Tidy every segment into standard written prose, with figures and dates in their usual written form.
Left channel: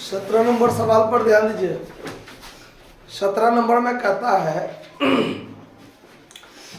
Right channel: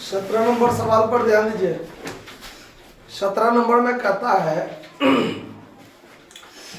17 number सवाल पर ध्यान दीजिए। 17 नंबर में कहता है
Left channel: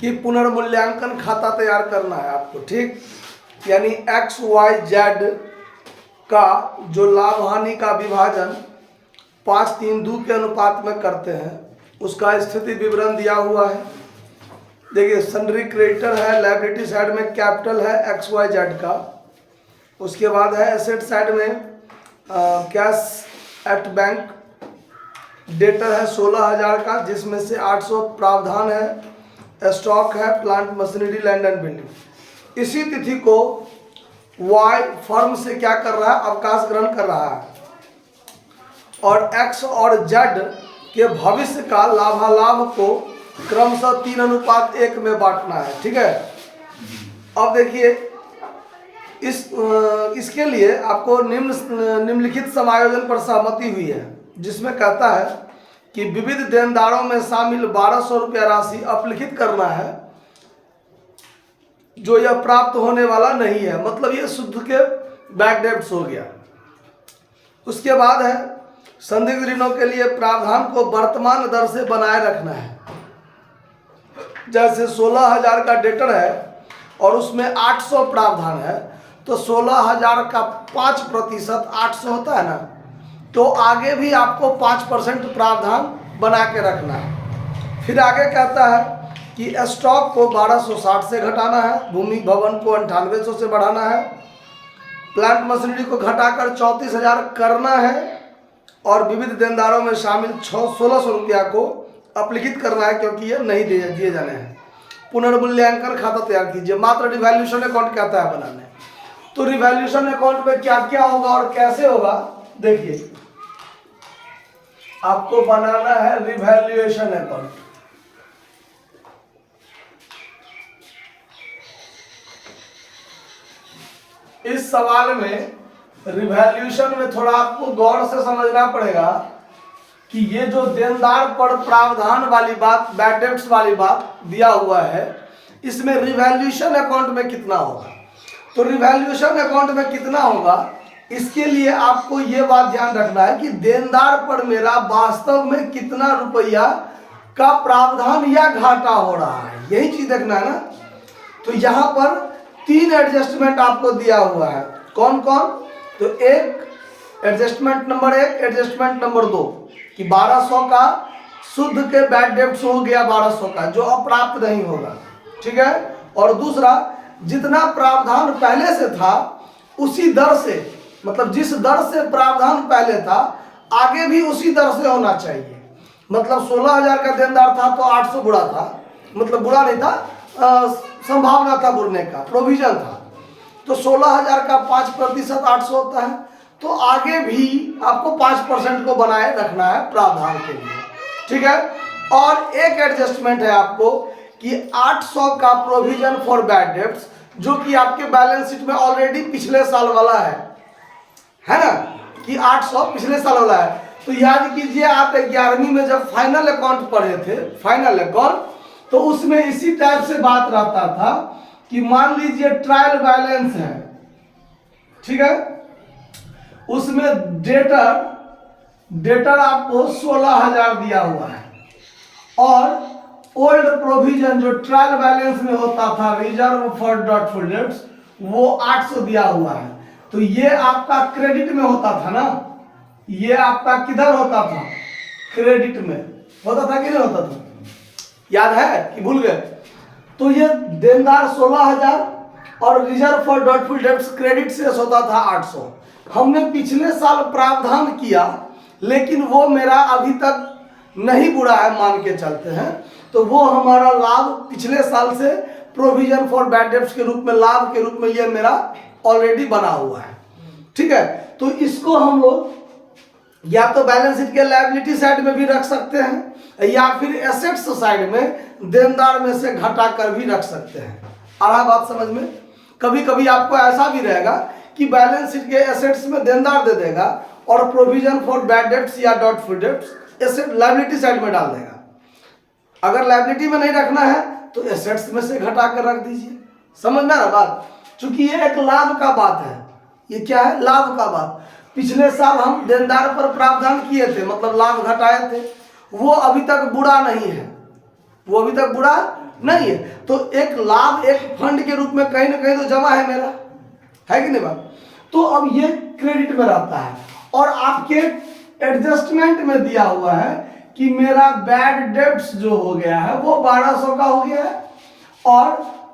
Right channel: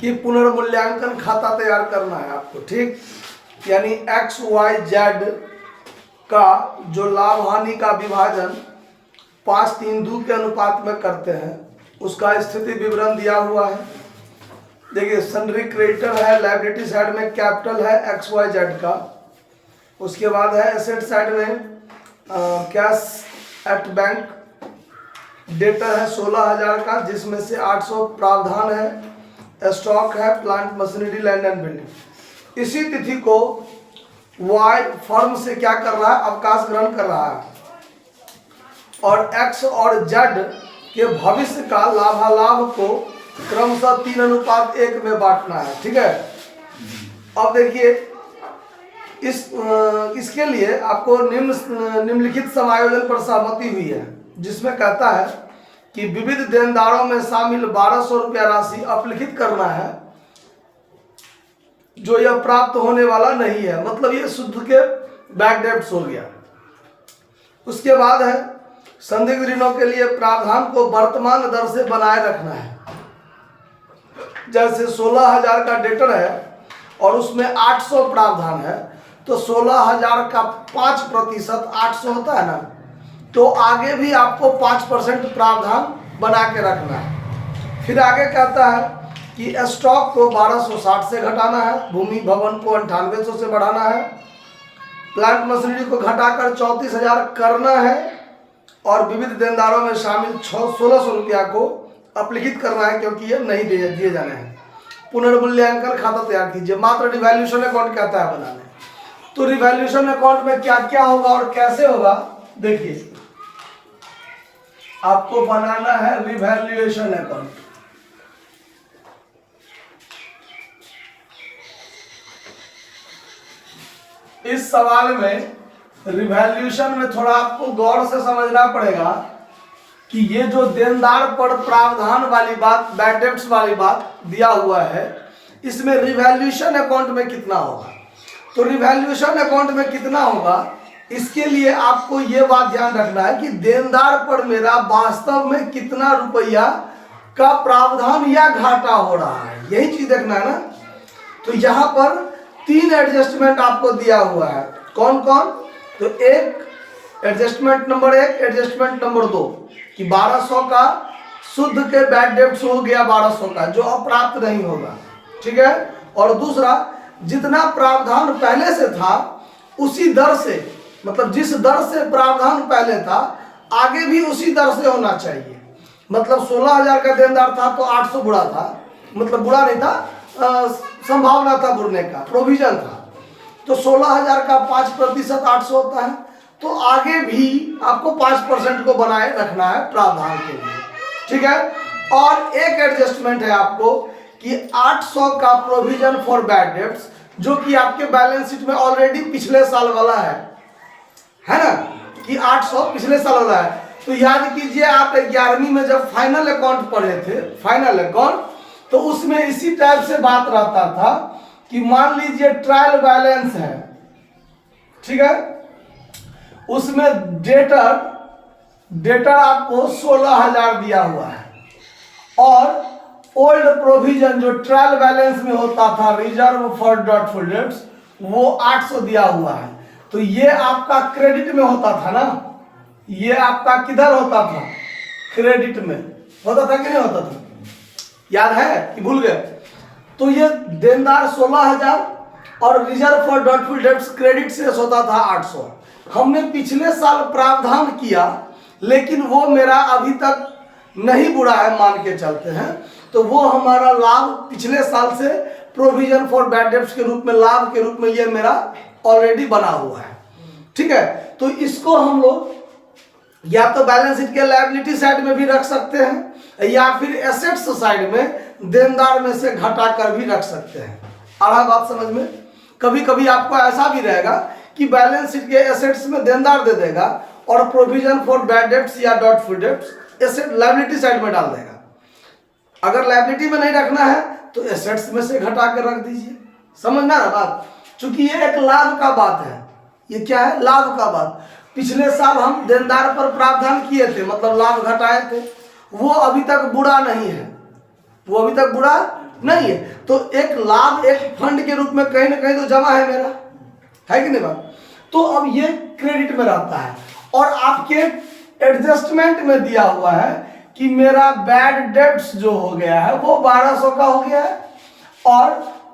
कि पुनर्मूल्यांकन खाता तैयार करना है आपको, ठीक। यानी एक्स वाई जेड का जो लाभ हानि का विभाजन 5:3:2 के अनुपात में करते हैं, उसका स्थिति विवरण दिया हुआ है। देखिए, सन्ड्री क्रेडिटर है, लायबिलिटी साइड में कैपिटल है एक्स वाई जेड का। उसके बाद है एसेट साइड में कैश एट बैंक, डेटर है 16,000 का, जिसमें से 800 प्रावधान है, स्टॉक है, plant machinery, land and building. इसी तिथि को वाई फर्म से क्या कर रहा है, अवकाश ग्रहण कर रहा है, और एक्स और जेड के भविष्य का लाभालाभ को क्रमशः 3:1 में बांटना है, ठीक है। अब देखिए, इसके लिए आपको निम्नलिखित समायोजन पर सहमति हुई है, जिसमें कहता है कि विविध देनदारों में शामिल 1200 रुपया राशि अपलिखित करना है, जो यह प्राप्त होने वाला नहीं है, मतलब ये शुद्ध के बैक डेब्ट्स हो गया। उसके बाद है संदिग्ध ऋणों के लिए प्रावधान को वर्तमान दर से बनाए रखना है। जैसे 16,000 का डेटर है और उसमें 800 प्रावधान है, तो 16,000 का 5% 800 होता है ना, तो आगे भी आपको 5% प्रावधान बना के रखना है। फिर आगे कहता है कि स्टॉक को 1260 से घटाना है, भूमि भवन को 9800 से बढ़ाना है, प्लांट मशीनरी को घटाकर 34,000 करना है, और विविध देनदारों में शामिल 1600 रुपया को अपलिखित करना है, क्योंकि ये नहीं दिए जाने हैं। पुनर्मूल्यांकन खाता तैयार कीजिए। मात्र रिवैल्यूएशन अकाउंट कहता है बनाने। तो रिवैल्यूएशन अकाउंट में क्या क्या होगा और कैसे होगा, देखिए, आपको बनाना है रिवैल्यूएशन अकाउंट। इस सवाल में रिवैल्यूएशन में थोड़ा आपको गौर से समझना पड़ेगा कि ये जो देनदार पर प्रावधान वाली बात, बैड डेब्ट्स वाली बात दिया हुआ है, इसमें रिवैल्यूएशन अकाउंट में कितना होगा। तो रिवैल्यूएशन अकाउंट में कितना होगा, इसके लिए आपको ये बात ध्यान रखना है कि देनदार पर मेरा वास्तव में कितना रुपया का प्रावधान या घाटा हो रहा है, यही चीज देखना है ना। तो यहाँ पर 3 एडजस्टमेंट आपको दिया हुआ है। कौन कौन? तो एक एडजस्टमेंट नंबर 1, एडजस्टमेंट नंबर 2 कि 1200 का शुद्ध के बैड डेब्ट्स हो गया, 1200 का जो अप्राप्त नहीं होगा, ठीक है। और दूसरा, जितना प्रावधान पहले से था उसी दर से, मतलब जिस दर से प्रावधान पहले था आगे भी उसी दर से होना चाहिए। मतलब 16,000 का देनदार था तो 800 बुरा था, मतलब बुरा नहीं था, संभावना था बुरने का, प्रोविजन था। तो 16,000 का 5% 800 होता है, तो आगे भी आपको 5% को बनाए रखना है प्रावधान के लिए, ठीक है। और एक एडजस्टमेंट है आपको कि 800 का प्रोविजन फॉर बैड डेब्ट्स, जो कि आपके बैलेंस शीट में ऑलरेडी पिछले साल वाला है ना, कि 800 पिछले साल वाला है। तो याद कीजिए, आप 11वीं में जब फाइनल अकाउंट पढ़े थे, फाइनल अकाउंट, तो उसमें इसी टाइप से बात रहता था कि मान लीजिए ट्रायल बैलेंस है, ठीक है, उसमें डेटर आपको 16,000 दिया हुआ है, और ओल्ड प्रोविजन जो ट्रायल बैलेंस में होता था, रिजर्व फॉर डॉटफुल डेब्ट्स, वो 800 दिया हुआ है। तो ये आपका क्रेडिट में होता था ना, ये आपका किधर होता था, क्रेडिट में होता था कि नहीं होता था, याद है कि भूल गए। तो ये देनदार 16,000 और reserve for doubtful debts credit से होता था 800। हमने पिछले साल प्रावधान किया, लेकिन वो मेरा अभी तक नहीं बुरा है मान के चलते हैं, तो वो हमारा लाभ पिछले साल से प्रोविजन फॉर बैड डेब्ट्स के रूप में, लाभ के रूप में ये मेरा ऑलरेडी बना हुआ है, ठीक है। तो इसको हम लोग या तो बैलेंस शीट के लायबिलिटी साइड में भी रख सकते हैं, या फिर एसेट्स साइड में देनदार में से घटा कर भी रख सकते हैं। आ रहा बात समझ में? कभी कभी आपको ऐसा भी रहेगा कि बैलेंस शीट के एसेट्स में देनदार दे देगा और प्रोविजन फॉर बैड डेब्ट्स या doubtful debts asset liability side में डाल देगा। अगर लायबिलिटी में नहीं रखना है तो एसेट्स में से घटा कर रख दीजिए। समझ में आ रहा बात? चूंकि ये एक लाभ का बात है, ये क्या है, लाभ का बात। पिछले साल हम देनदार पर प्रावधान किए थे, मतलब लाभ घटाए थे, वो अभी तक बुरा नहीं है, वो अभी तक बुरा नहीं है। तो एक लाभ एक फंड के रूप में कहीं ना कहीं तो जमा है मेरा, है कि नहीं बात। तो अब ये क्रेडिट में रहता है और आपके एडजस्टमेंट में दिया हुआ है कि मेरा बैड डेब्ट्स जो हो गया है वो 1200 का हो गया है और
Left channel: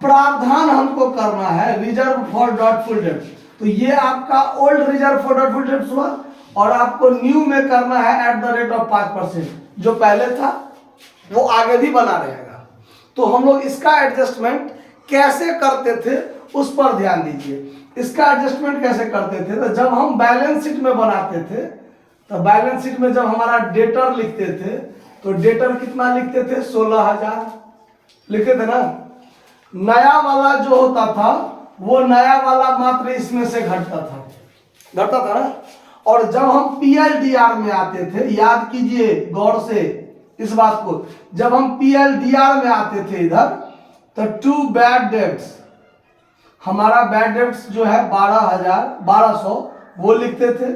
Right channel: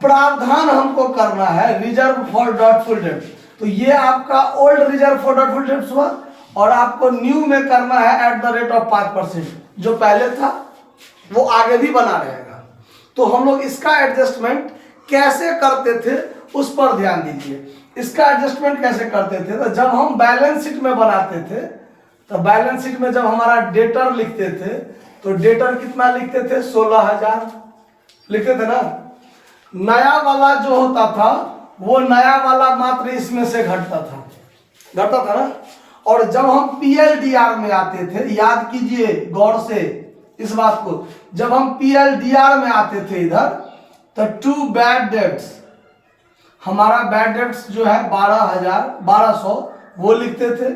प्रावधान हमको करना है रिजर्व फॉर डॉटफुल डेब्ट्स। तो ये आपका old reserve for doubtful debts हुआ और आपको न्यू में करना है एट द रेट ऑफ 5%। जो पहले था वो आगे भी बना रहेगा। तो हम लोग इसका एडजस्टमेंट कैसे करते थे उस पर ध्यान दीजिए। इसका एडजस्टमेंट कैसे करते थे, तो जब हम बैलेंस शीट में बनाते थे तो बैलेंस शीट में जब हमारा डेटर लिखते थे तो डेटर कितना लिखते थे, 16,000 लिखते थे ना। नया वाला जो होता था वो नया वाला मात्र इसमें से घटता था ना। और जब हम पीएलडीआर में आते थे, याद कीजिए गौर से इस बात को, जब हम पीएलडीआर में आते थे इधर तो टू बैड डेब्ट्स, हमारा बैड डेब्ट्स जो है 1200 वो लिखते थे।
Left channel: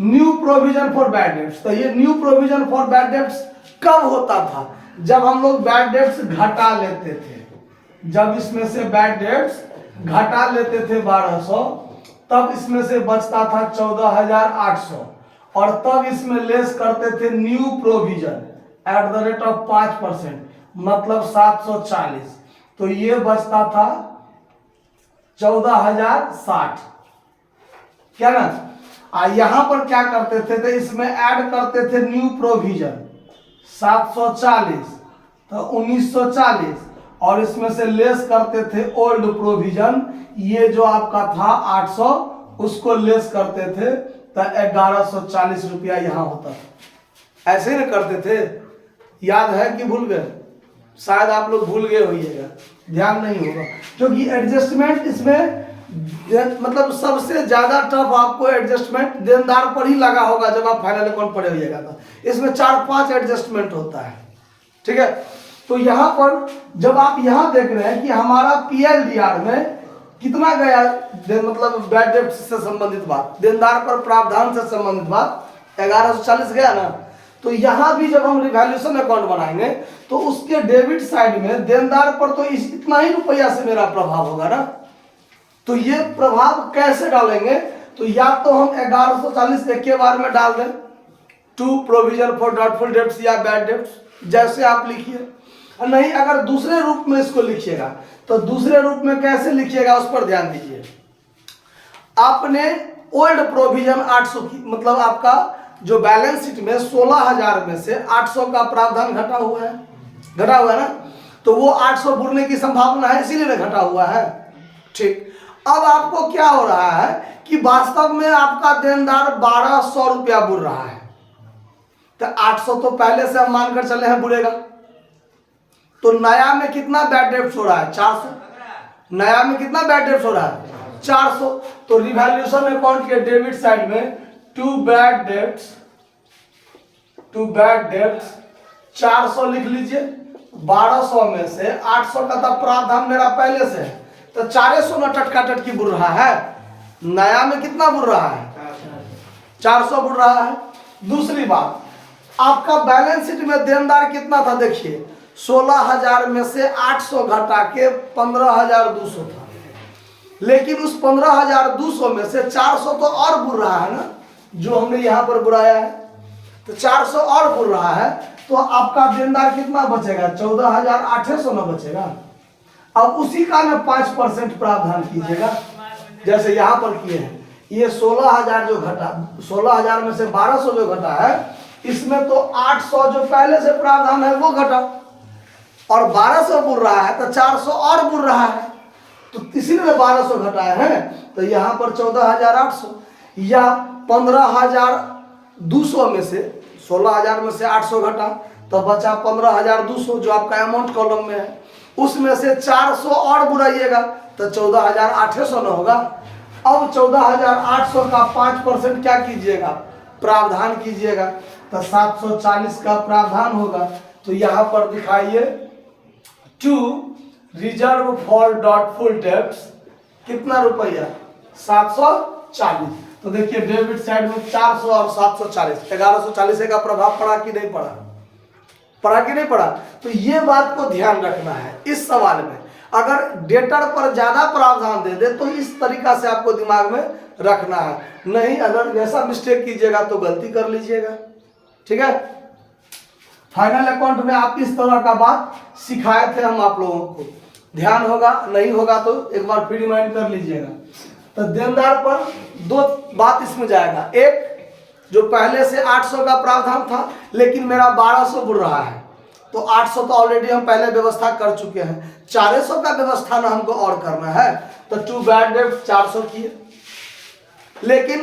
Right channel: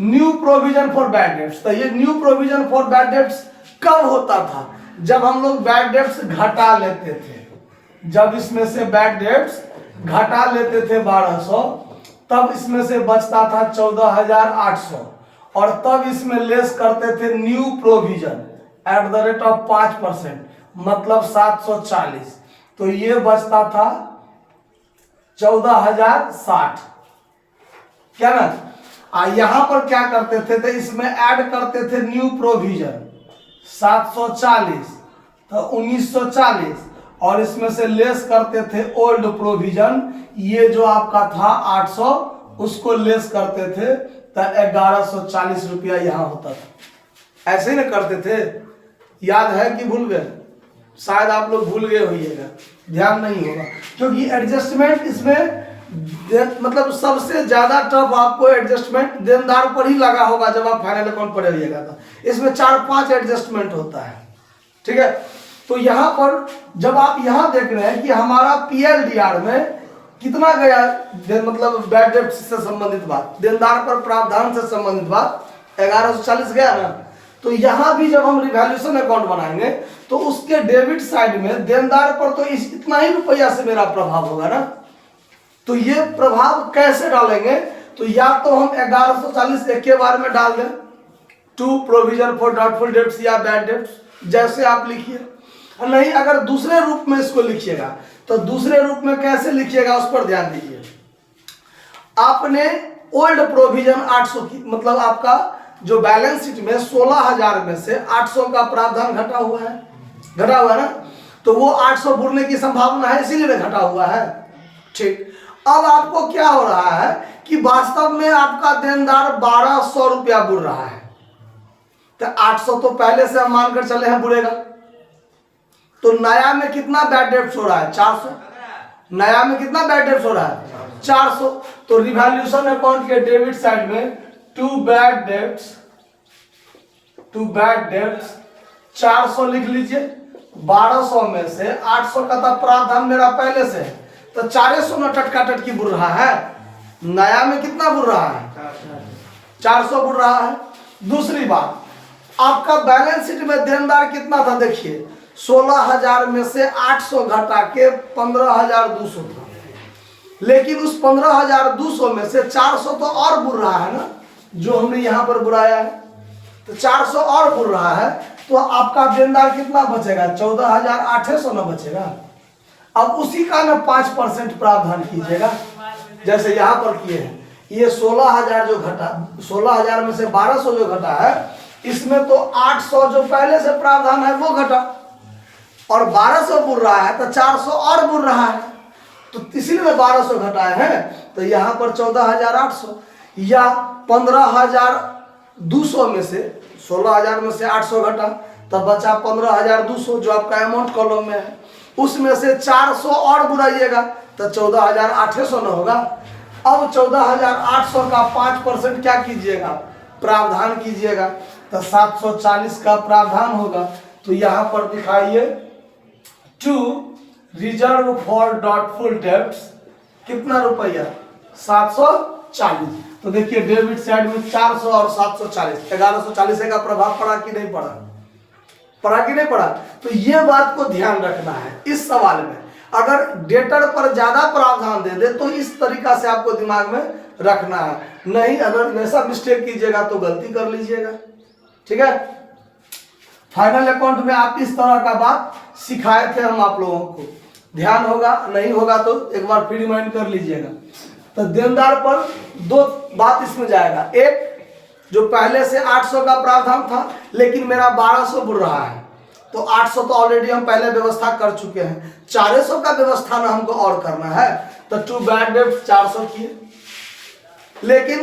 New provision for bad debts, तो ये new provision for bad debts कब होता था, जब हम लोग बैड डेब्ट्स घटा लेते थे। जब इसमें से बैड डेब्ट्स घटा लेते थे 1200, तब इसमें से बचता था 14,800 और तब इसमें लेस करते थे new provision at the rate of 5%, मतलब 740। तो ये बचता था 14,060, क्या ना। यहां पर क्या करते थे, तो इसमें ऐड करते थे न्यू प्रोविजन 740 तो 1940 और इसमें से लेस करते थे ओल्ड प्रोविजन, ये जो आपका था 800 उसको लेस करते थे तो 1140 रुपया यहाँ होता था। ऐसे ही ना करते थे, याद है कि भूल गए? शायद आप लोग भूल गए होइएगा, ध्यान नहीं होगा, क्योंकि एडजस्टमेंट इसमें मतलब सबसे ज्यादा टफ आपको एडजस्टमेंट देनदार पर ही लगा होगा जब आप फाइनल अकाउंट पढ़े रहिएगा। तो इसमें 4-5 एडजस्टमेंट होता है, ठीक है। तो यहाँ पर जब आप यहाँ देख रहे हैं कि हमारा पीएलडीआर में कितना गया, मतलब बैड डेब्ट से संबंधित बात, देनदार पर प्रावधान से संबंधित बात 1140 गया ना। तो यहाँ भी जब हम रिवैल्यूएशन अकाउंट बनाएंगे तो उसके डेबिट साइड में देनदार पर तो इतना ही रुपया से मेरा प्रभाव होगा ना। तो ये प्रभाव कैसे डालेंगे, तो या तो हम 1140 एक के बार में डाल दें, to provision for doubtful debts या बैड डेब्ट्स जैसे आप लिखिए, और नहीं अगर दूसरे रूप में इसको लिखिएगा तो दूसरे रूप में कैसे लिखिएगा उस पर ध्यान दीजिए। आपने ओल्ड प्रोविजन 800 की, मतलब आपका जो बैलेंस शीट में 16,000 में से 800 का प्रावधान घटा हुआ है ना, तो वो 800 बुरने की संभावना है, इसीलिए घटा हुआ है, ठीक। अब आपको क्या हो रहा है कि वास्तव में आपका देनदार 1200 रुपया बुर रहा है, तो 800 तो पहले से हम मानकर चले हैं बुरेगा। तो नया में कितना बैड डेब्ट्स हो रहा है, 400। नया में कितना बैड डेब्ट्स हो रहा है, 400। तो रिवैल्यूएशन अकाउंट के डेबिट साइड में टू बैड डेब्ट्स 400 लिख लीजिए। 1200 में से 800 का तो प्रावधान मेरा पहले से है, तो 400 न टटका टटकी बुर रहा है। नया में कितना बुर रहा है, 400 बुर रहा है। दूसरी बात, आपका बैलेंस शीट में देनदार कितना था, देखिए 16,000 में से 800 घटा के 15,200 था, लेकिन उस 15,200 में से 400 तो और बुर रहा है ना, जो हमने यहाँ पर बुराया है, तो 400 और बुर रहा है। तो आपका देनदार कितना बचेगा, 14,800 न बचेगा। अब उसी का ना 5% प्रावधान कीजिएगा, जैसे यहाँ पर किए हैं। ये 16,000 जो घटा, 16,000 में से 1200 जो घटा है, इसमें तो 800 जो पहले से प्रावधान है वो घटा, और 1200 बुर रहा है तो 400 और बुर रहा है, तो इसीलिए 1200 घटाए हैं। तो यहाँ पर 14,800 या 15,200 में से 16,000 में से 800 घटा तो बचा 15,200 जो आपका अमाउंट कॉलम में है, उसमें से 400 और बुराइएगा तो 14,800 न होगा। अब 14,800 का 5% क्या कीजिएगा, प्रावधान कीजिएगा, तो 740 का प्रावधान होगा। तो यहाँ पर दिखाइए to reserve for doubtful debts कितना रुपया, 740। तो देखिए डेबिट साइड में 400 और 740, 1140 का प्रभाव पड़ा कि नहीं पड़ा, पड़ा कि नहीं पड़ा। तो ये बात को ध्यान रखना है इस सवाल में। अगर डेटर पर ज्यादा प्रावधान दे दे तो इस तरीका से आपको दिमाग में रखना है, नहीं अगर वैसा मिस्टेक कीजिएगा तो गलती कर लीजिएगा। ठीक है, फाइनल अकाउंट में आप इस तरह का बात सिखाए थे हम आप लोगों को, ध्यान होगा, नहीं होगा तो एक बार फिर रिमाइंड कर लीजिएगा। तो देनदार पर दो बात इसमें जाएगा, एक जो पहले से 800 का प्रावधान था लेकिन मेरा 1200 बुड़ रहा है, तो 800 तो ऑलरेडी हम पहले व्यवस्था कर चुके हैं, 400 का व्यवस्था ना हमको और करना है। तो टू बैड डेब्ट 400 किए, लेकिन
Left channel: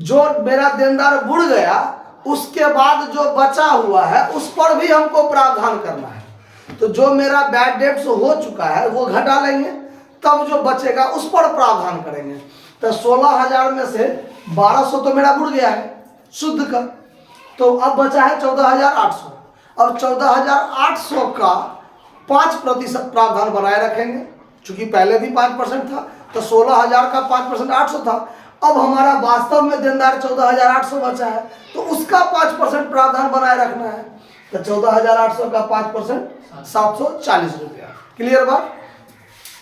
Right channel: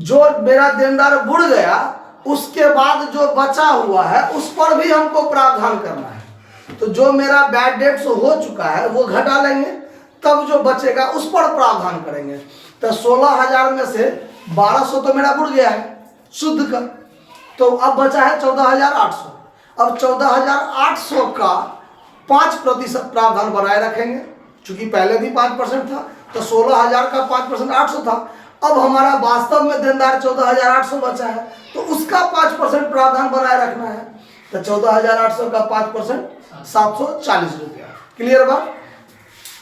जो मेरा देनदार बुड़ गया उसके बाद जो बचा हुआ है उस पर भी हमको प्रावधान करना है। तो जो मेरा बैड डेब्ट हो चुका है वो घटा लेंगे, तब जो बचेगा उस पर प्रावधान करेंगे। तो 16,000 में से 1200 तो मेरा बुड़ गया है शुद्ध का, तो अब बचा है 14,800। अब 14,800 का 5% प्रावधान बनाए रखेंगे, चूंकि पहले भी 5% था, तो 16,000 का 5% 800 था। अब हमारा वास्तव में देनदार 14,800 बचा है, तो उसका 5% प्रावधान बनाए रखना है। तो 14,800 का 5% 740 रुपया। क्लियर बात।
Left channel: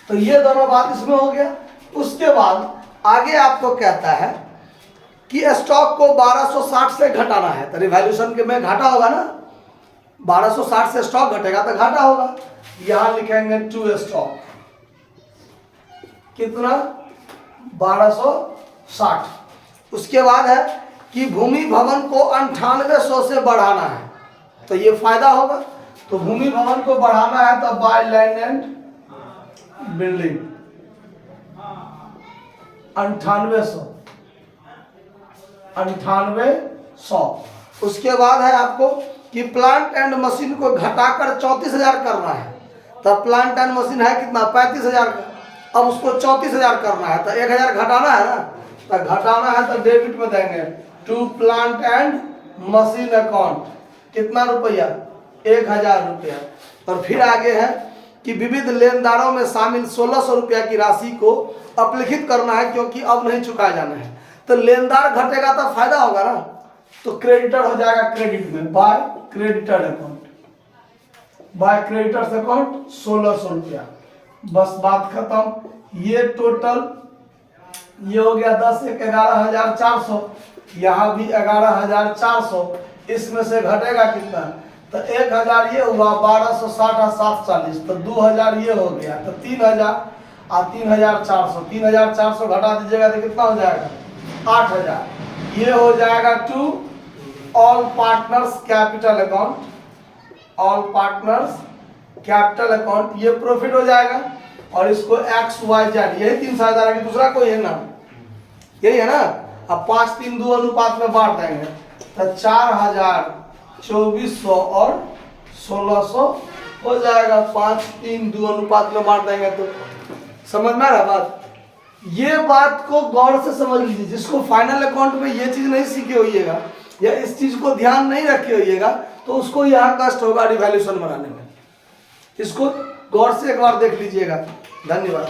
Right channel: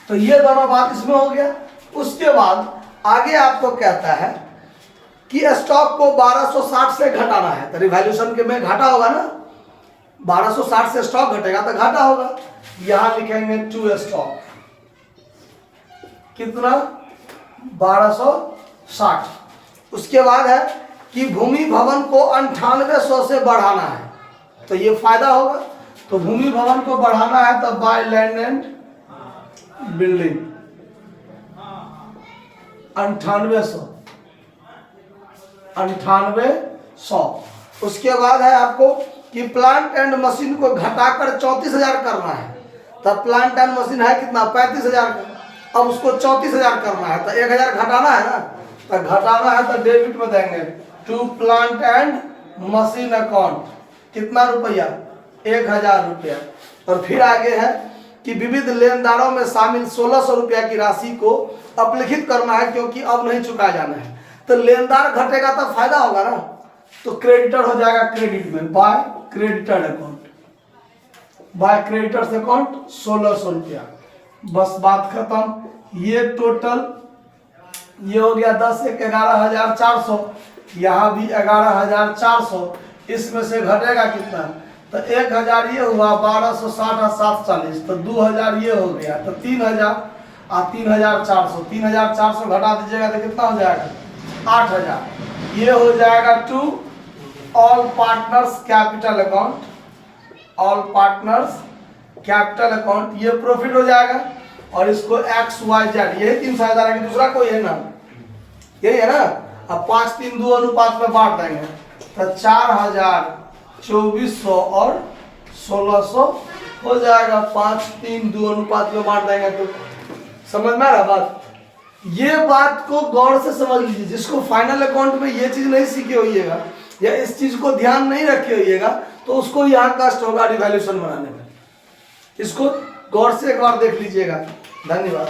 तो ये दोनों बात इसमें हो गया। उसके बाद आगे आपको कहता है कि स्टॉक को 1260 से घटाना है, तो रिवैल्यूएशन के में घाटा होगा ना, 1260 से स्टॉक घटेगा तो घाटा होगा। यहां लिखेंगे टू स्टॉक कितना 1260। उसके बाद है कि भूमि भवन को 9800 से बढ़ाना है, तो ये फायदा होगा। तो भूमि भवन को बढ़ाना है तो बाय लैंड एंड बिल्डिंग 9800। उसके बाद है आपको कि प्लांट एंड मशीन को घटाकर 34,000 करना है। तब प्लांट एंड मशीन है कितना 35,000 का, अब उसको 34,000 करना है, तो 1,000 घटाना है ना, तो घटाना है तो डेबिट में देंगे to plant and machine account कितना रुपया 1,000 रुपया। और फिर आगे है कि विविध लेनदारों में शामिल 1,600 रुपया की राशि को अपलिखित करना है, क्योंकि अब नहीं चुकाया जाना है। तो लेनदार घटेगा तो फायदा होगा ना, तो क्रेडिटर हो जाएगा क्रेडिट में by creditor account, by creditors account 1,600 रुपया। बस बात खत्म। ये टोटल ये हो गया 10 1 11,400, यहाँ भी 11,400, इसमें से घटेगा कितना, तो 1,000 ये हुआ, 1260 और 740, तो 2,000 ये हो गया, तो 3,000 और 3,400, 3,400 घटा दीजिएगा तो कितना हो जाएगा 8,000। ये हो जाएगा to all partners capital account, all partners capital account, ये प्रॉफिट हो जाएगा। और इसको XYZ यही 3,000 है, दूसरा कोई है ना, यही है ना। अब 5-3-2 अनुपात में बांट देंगे तो 4,000 2400 और 1,600 हो जाएगा, 5-3-2 अनुपात में बांट देंगे तो समझ में आ रहा बात। ये बात को गौर से समझ लीजिए, जिसको फाइनल अकाउंट में ये चीज नहीं सीखे होइएगा या इस चीज को ध्यान नहीं रखे होइएगा तो उसको यहाँ कष्ट होगा रिवैल्यूएशन बनाने में। इसको गौर से एक बार देख लीजिएगा। धन्यवाद।